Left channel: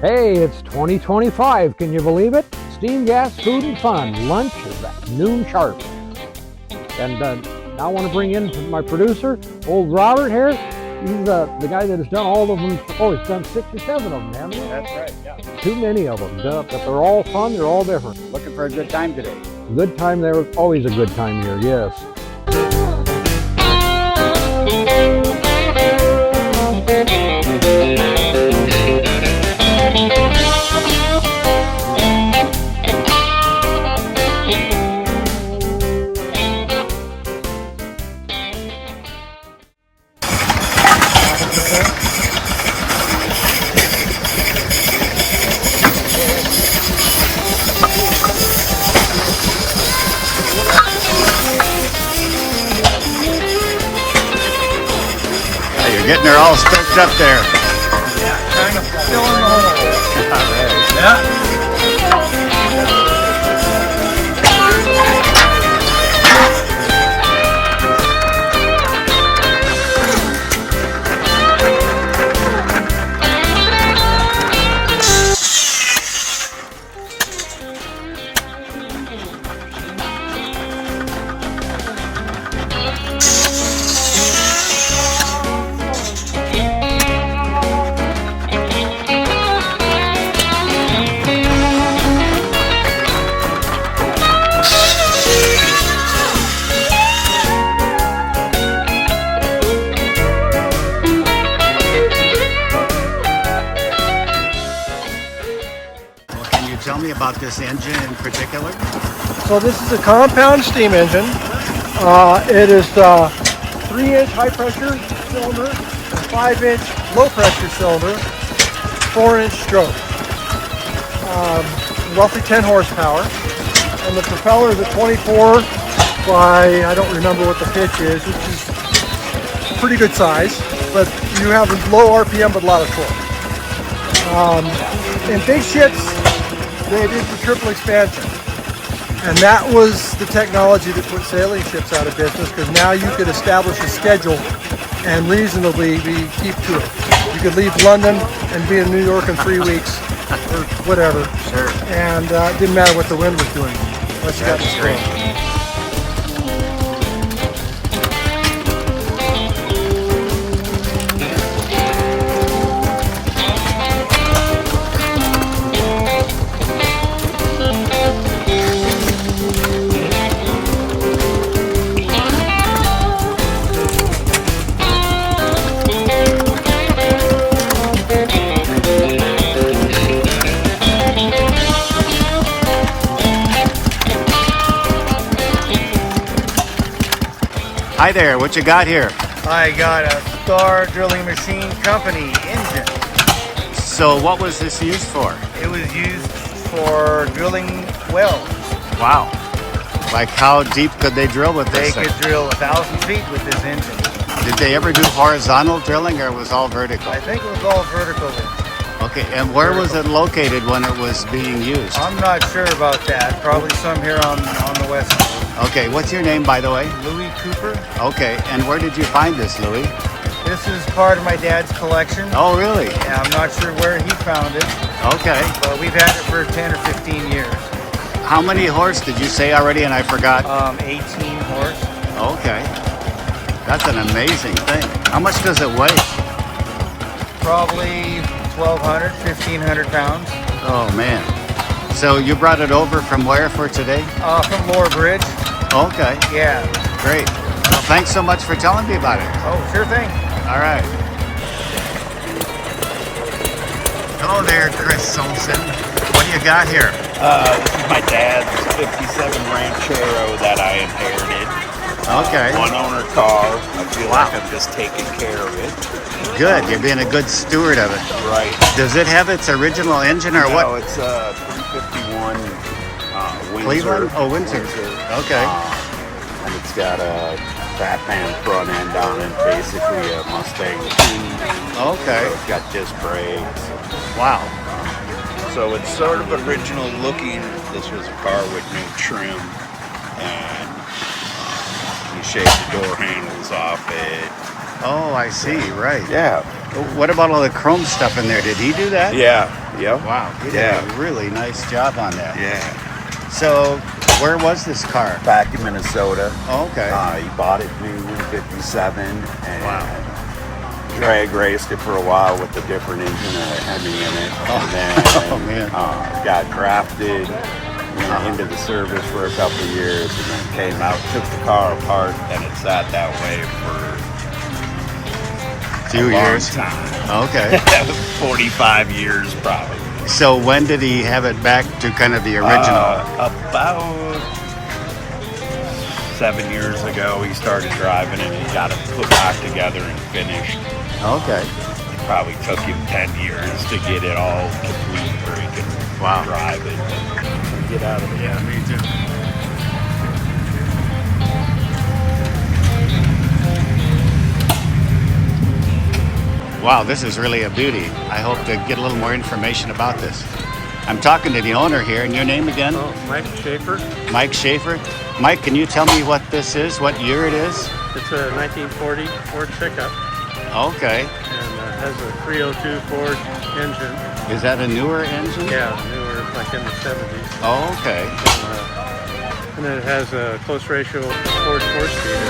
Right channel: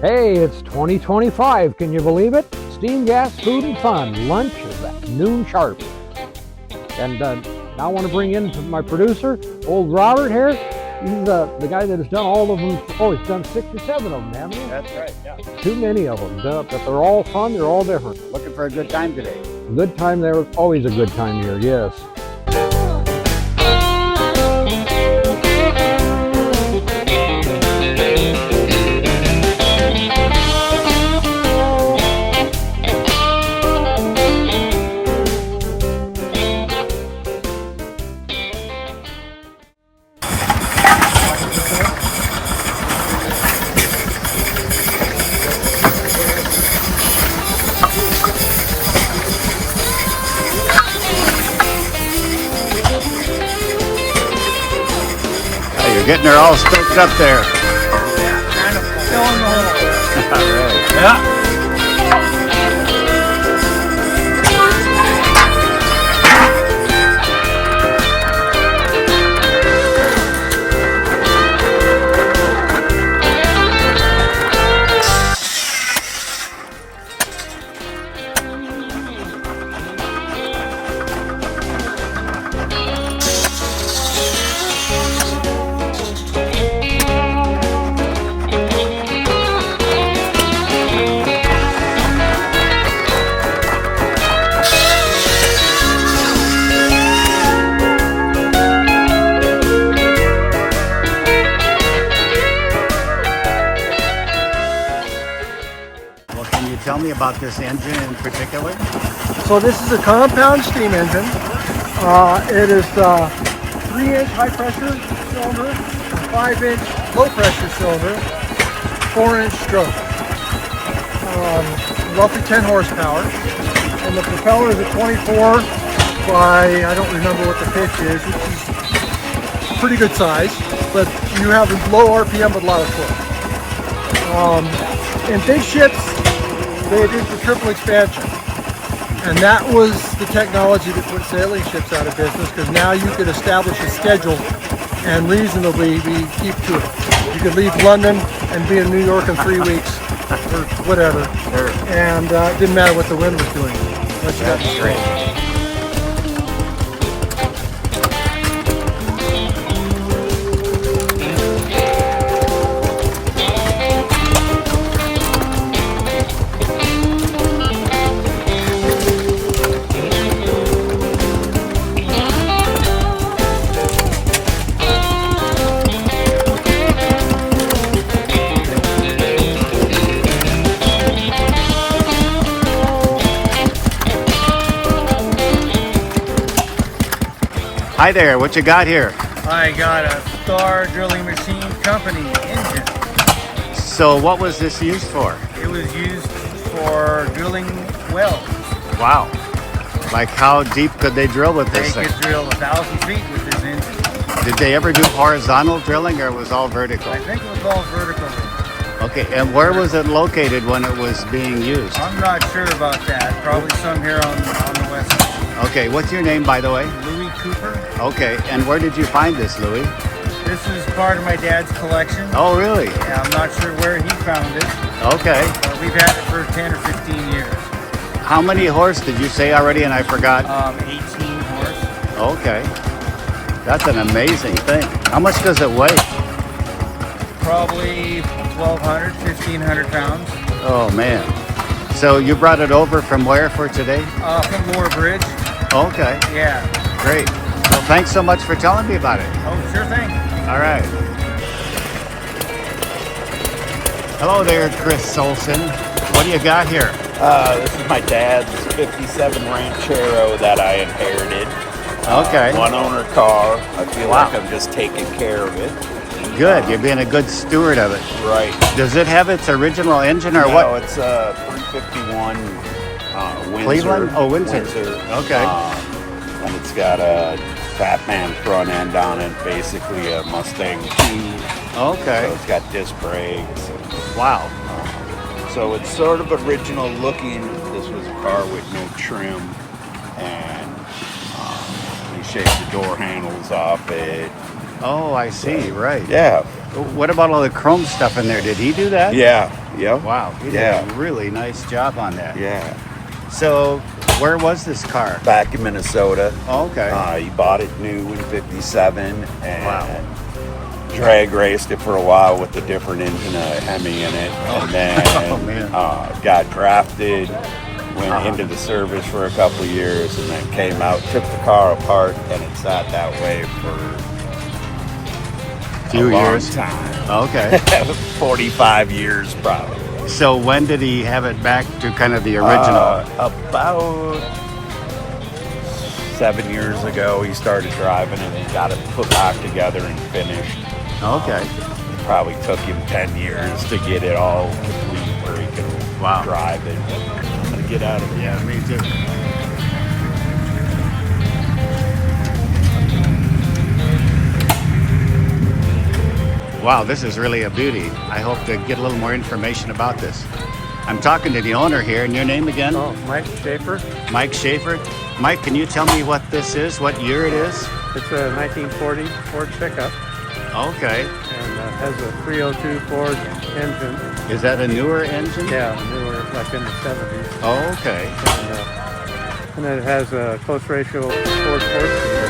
Hey, it's 2025. Can you believe it? Steam, gas, food, and fun. Lunch is at noon sharp. And now I want to bring in my producer, old Robert here. He's the guy that has done all of them. Oh, he's done 6 or 7 of them, haven't you? That's right, yeah. Too many of them, but they're all fun. They're all different. Looking for a good time today. Good time there. Always a good time here, yes. You're getting her all stoked up there. Yeah, kind of filling the hole. All right. Yeah. Tell me about this engine in particular. So this is a compound steam engine. It is 3-inch high pressure cylinder, a 5-inch low pressure cylinder, 4-inch stroke. Roughly 10 horsepower. And the propeller is a 24 by, I don't remember what the pitch is, which is pretty good size, but you have a low RPM but a lot of torque. In big ships, they did the triple expansion, and that was the technology that put sailing ships out of business, because now you could establish a schedule and reasonably keep to it. You could leave London and be in New York in 3 weeks or whatever. Sure. And it didn't matter what the wind was doing. That's great. Hi there, what you got here? I got a Star Drilling Machine Company engine. So what was this used for? It was used for drilling wells. Wow. Like how deep could they drill with this They thing? could drill 1,000 feet with this engine. Did they ever do horizontal drilling or it was all vertical? I think it was all vertical. Okay, and where was it located when it was being used? I'm not sure about that. Probably some here on the west side. Okay, what's your name, by the way? Louis Cooper. Okay, and where did you find this, Louis? This is part of my dad's collection. Oh, really? I'm not sure where he found it, Okay. but we've had it for 10 or 15 years. How many horse did you say already and I forgot? 18 horse. Okay. That's an amazing thing. How much does it weigh? Probably 1,200, 1,500 pounds. Oh, man. So you brought it over from where for today? From Lower Bridge. Okay, Yeah. great. Well, thanks so much for telling me about it. Oh, sure thing. All right. Hello there, Chris Olson. What do you got here? This is my dad's 57 Ranchero that I inherited. Okay. One owner car. I feel Wow. like I'm just taking care of it. Good. You're being a good steward of it. Right. Does it have its original engine or what? No, it's a 351 Windsor. Cleveland? Oh, Windsor. Okay. And it's got a Batman front end on it, basically a Mustang 2. Okay. It's got disc brakes. Wow. So it's sort of original looking. This was a car with no trim, and we shaved the door handles off it. Oh, I see. Right. Yeah. What about all the chrome stuff in there? Did he do that? Yeah. Yep. Wow, he did Yeah. a really nice job on that. Yeah. So, where was this car? Back in Minnesota. Oh, okay. He bought it new in '57. And Wow. drag raced it for a while with a different engine, a Hemi in it. Oh. And then, Oh, man. got drafted, went into the service for a couple of years, and then came out, took the car apart, and it sat that way for Few a long years. time. Okay. 45 years probably. So when did he have it back to kind of the original? About 7 years ago, he started driving it and he got it put back together and finished. Okay. It probably took him 10 years to get it all complete where he could Wow. drive it and get out of it. Yeah, me too. Wow, this is really a beauty. I hope to get a little more information about this. I'm talking to the owner here, and your name again? Oh, Mike Schaefer. Mike Schaefer. Mike, can you tell me what this is, what year it is? It's a 1940 Ford pickup, Okay. and it has a 302 Ford engine. Is that a newer engine? Yeah, newer, like in the 70s. Oh, okay. And then it has a close ratio Ford 4-speed.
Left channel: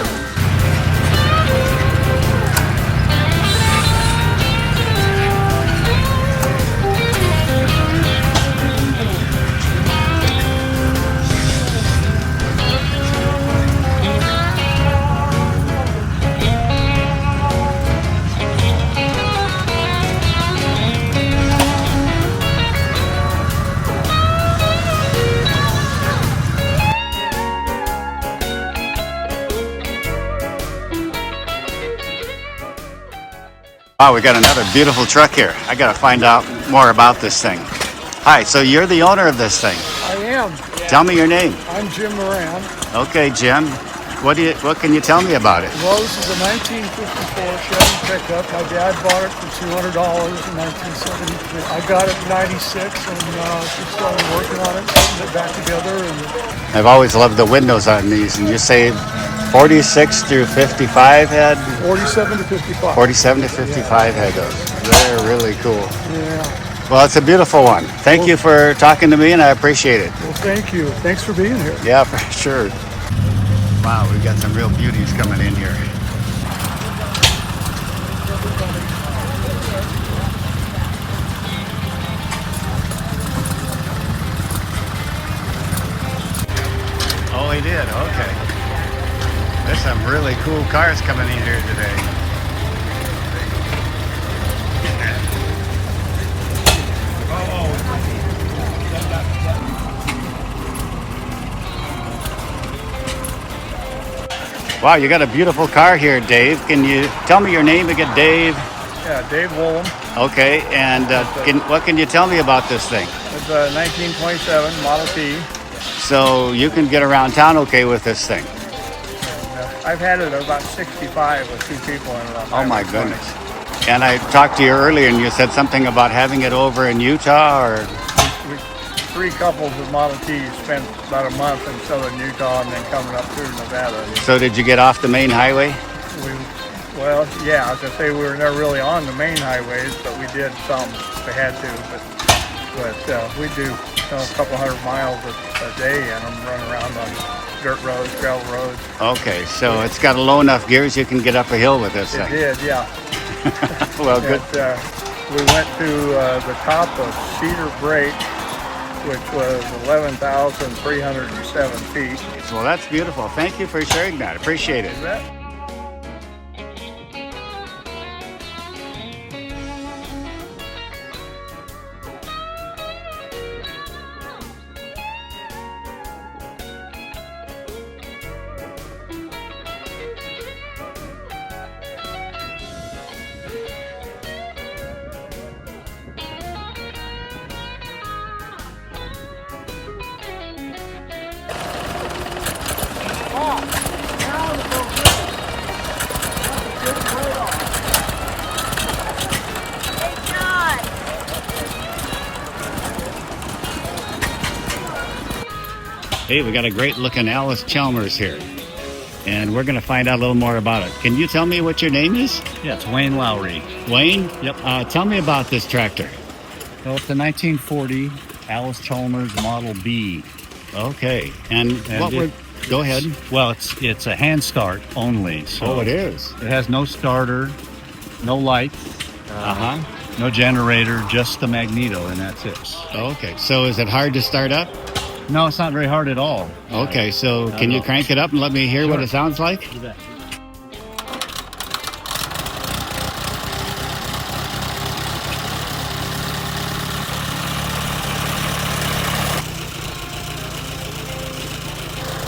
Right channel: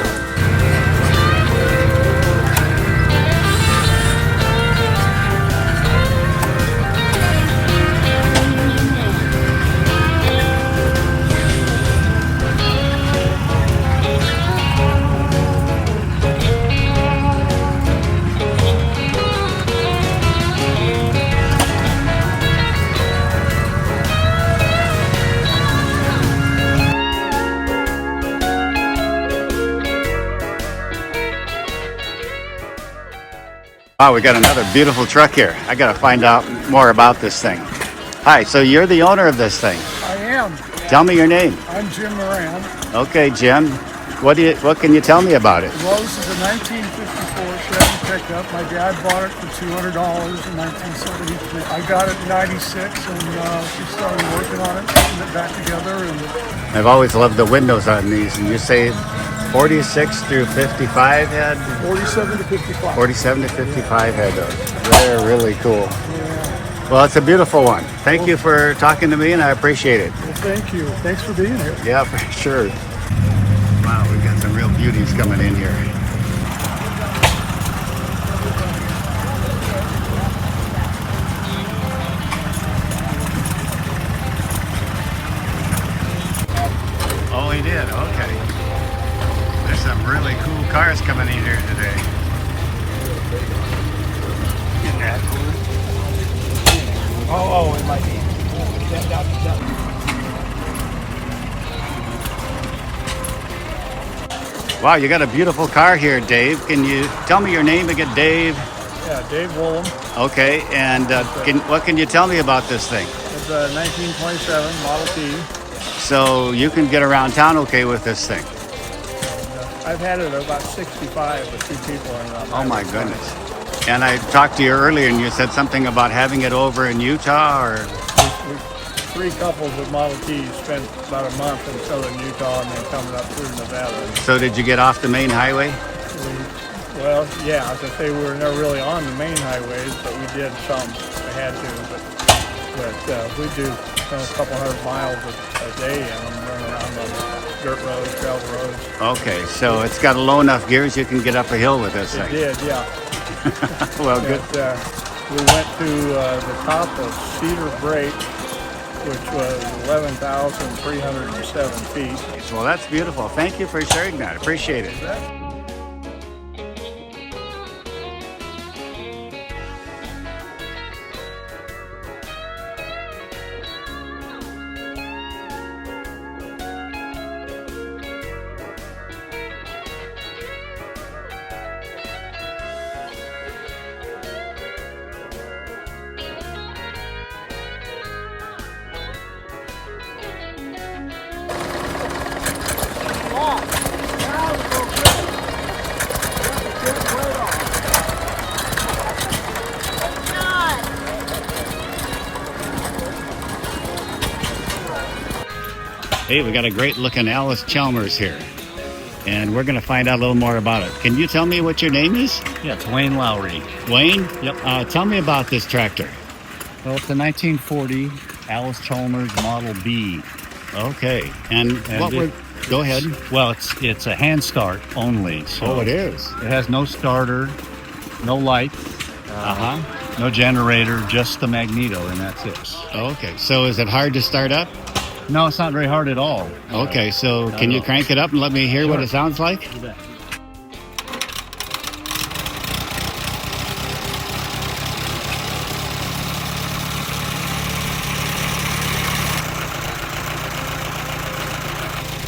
Wow, we got another beautiful truck here. I got to find out more about this thing. Hi, so you're the owner of this thing. I am. Tell me your name. I'm Jim Moran. Okay, Jim. What can you tell me about it? Rose is a 1954 Chevy pickup. My dad bought it for $200 in 1973. I got it in '96 and just started working on it, putting it back together. And I've always loved the windows on these, and you say 46 through 55 had 47 to 55. 47 to 55 had those. They're really cool. Well, it's a beautiful one. Thank you for talking to me, and I appreciate it. Well, thank you. Thanks for being here. Yeah, for sure. Wow, we got some real beauties coming in here. Oh, he did. Okay. There's some really cool cars coming in here today. Wow, you got a beautiful car here, Dave. Can you tell me your name again, Dave? Yeah, Dave Woolham. Okay, and what can you tell me about this thing? It's a 1927 Model T. So you can get around town okay with this thing? I've had it about 65 with two people in it. Oh my goodness. And I talked to you earlier and you said something about having it over in Utah or? Three couples with Model Ts spent about a month in southern Utah and then coming up through Nevada. So did you get off the main highway? Well, yeah, as I say, we were never really on the main highways, but we did some. We had to, but we do a couple hundred miles a day in them, run around on dirt roads, gravel roads. Okay, so it's got a low enough gears you can get up a hill with this It thing. did, yeah. Well, good. But, we went to the top of Cedar Break, which was 11,307 feet. Well, that's beautiful. Thank you for sharing that. Appreciate it. Hey, we got a great looking Alice Chalmers here. and we're going to find out a little more about it. Can you tell me what your name is? Yeah, it's Wayne Lowry. Wayne? Yep. Tell me about this tractor. Well, it's a 1940 Alice Chalmers Model B. Okay. And what it- were... Go ahead. Well, it's a hand start only. So Oh, it is. It has no starter, no light, Uh-huh. no generator, just the magneto, and that's it. Okay. So is it hard to start up? No, it's not very hard at all. Okay. So not can at you all. crank it up and let me hear what Sure. it sounds like? You bet.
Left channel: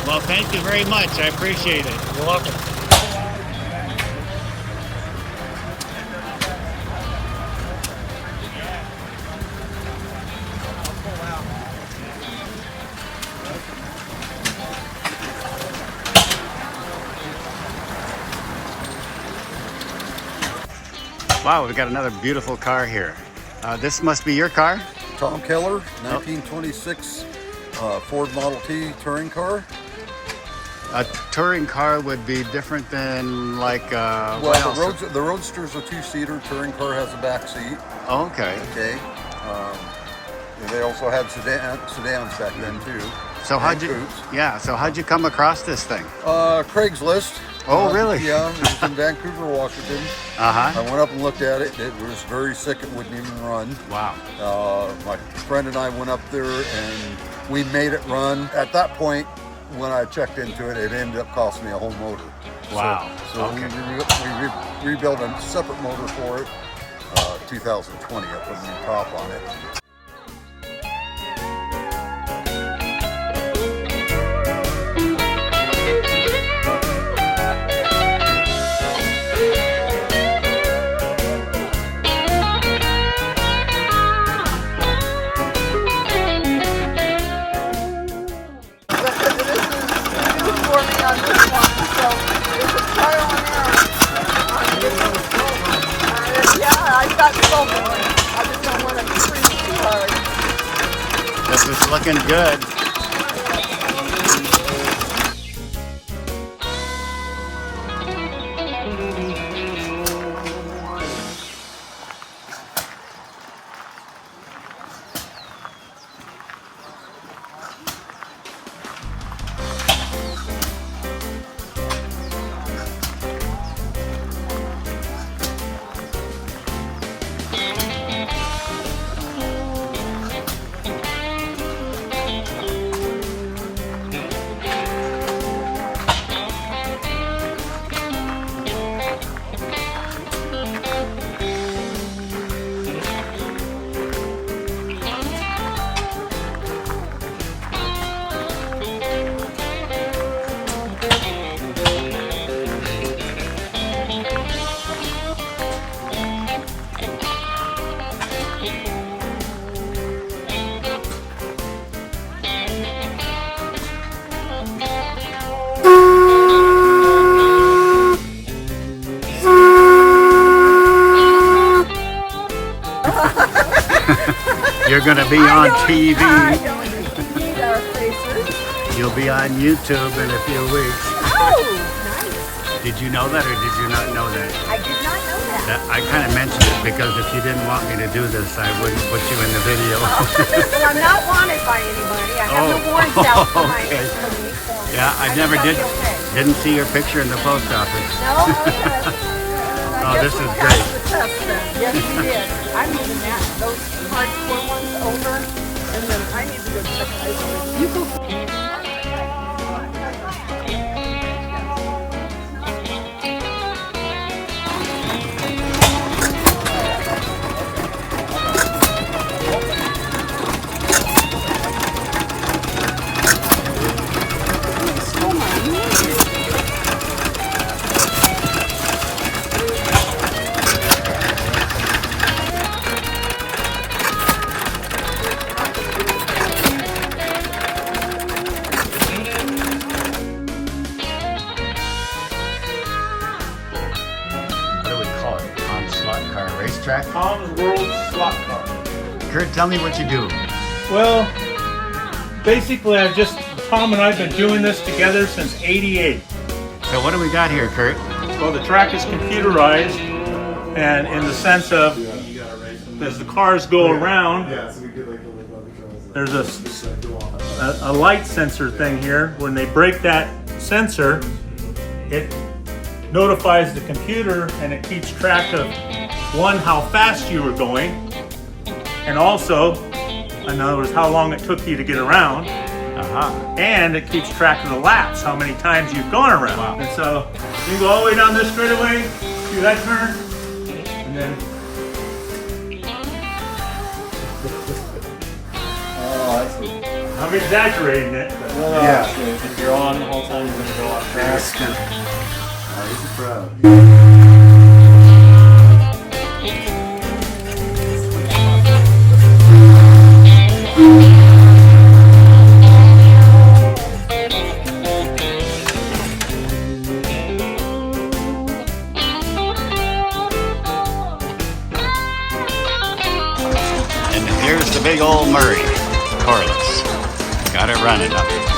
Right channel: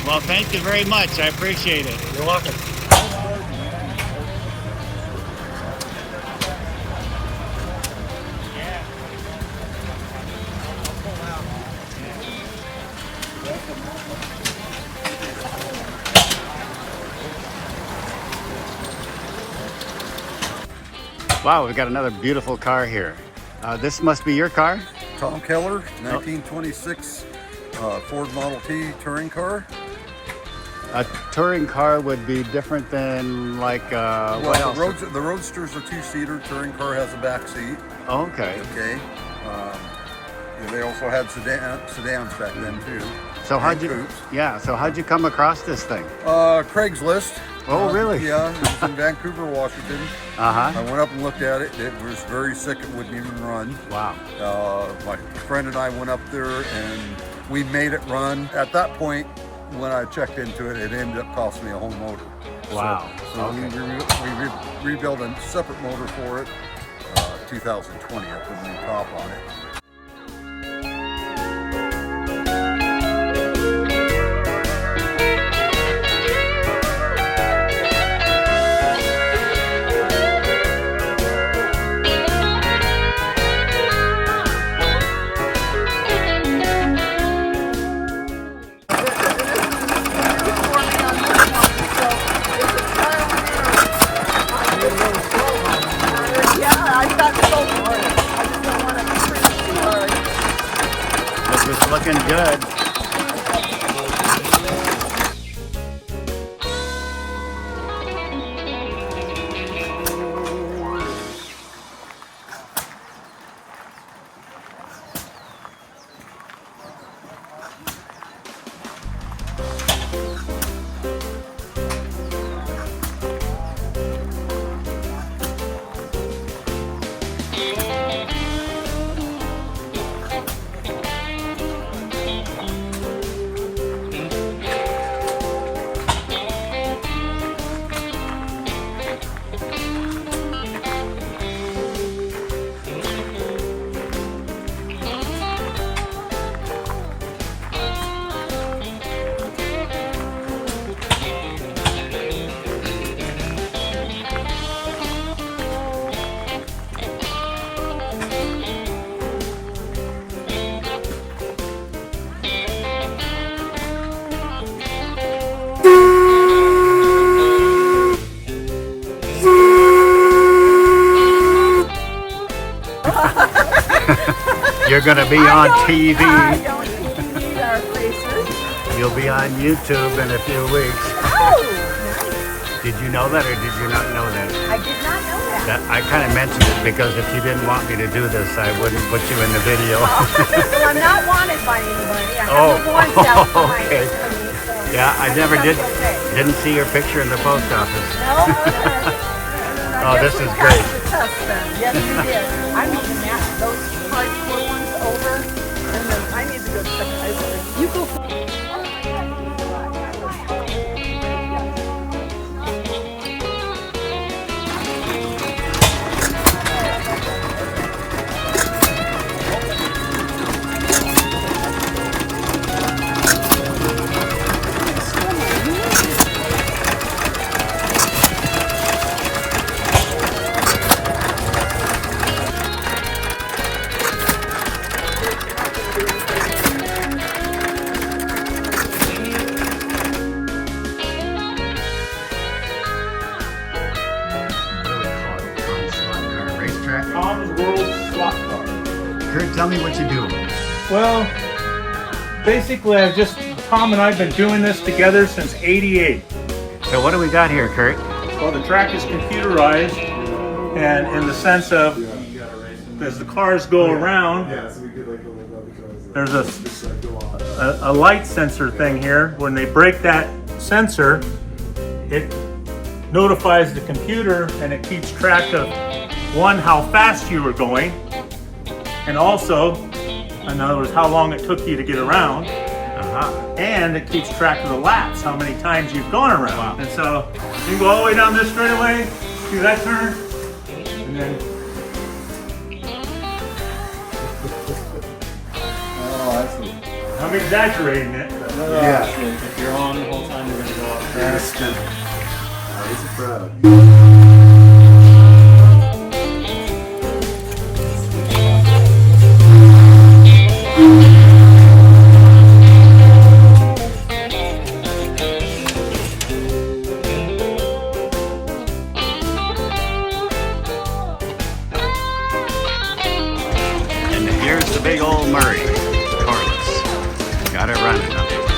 Well, thank you very much. I appreciate it. You're welcome. Wow, we've got another beautiful car here. This must be your car? Tom Keller, 1926 Ford Model T touring car. A touring car would be different than like what Well, else? the Roadster's a two-seater. Touring car has a back seat. Oh, okay. Okay. They also had sedans back then too. So And how'd you? coupes. Yeah. So how'd you come across this thing? Craigslist. Oh, really? Yeah, it was in Vancouver, Washington. Uh huh. I went up and looked at it. It was very sick. It wouldn't even run. Wow. My friend and I went up there and we made it run. At that point, when I checked into it, it ended up costing me a whole motor. Wow. So Okay. we rebuilt a separate motor for it. 2020, I put a new top on it. This is looking good. You're going to be on TV. I don't think you need our faces. You'll be on YouTube in a few weeks. Oh, nice. Did you know that or did you not know that? I did not know that. I kind of mentioned it because if you didn't want me to do this, I wouldn't put you in the video. Well, I'm not wanted by anybody. I have no warrants out for my okay. for me, so Yeah, I never think did. I'll be okay. Didn't see your picture in the post office. No, Oh, this is great. The test then. Yes, we did. I'm moving those hardcore ones over, and then I need to go check it. You go. What do we call it? Tom's Slot Car Racetrack? Tom's World Slot Car. Kurt, tell me what you do. Well, basically, Tom and I have been doing this together since '88. So what do we got here, Kurt? Well, the track is computerized, and in the sense of as the cars go around, there's a light sensor thing here. When they break that sensor, it notifies the computer and it keeps track of, one, how fast you were going, and also, in other words, how long it took you to get around. And it keeps track of the laps, how many times you've gone around. Wow. And so you can go all the way down this straightaway, do that turn, and then. Oh, I see. I'm exaggerating it. But Yeah. If you're on the whole time, you're going to go off. That's good. He's a pro. And here's the big old Murray, coreless. Got it running up.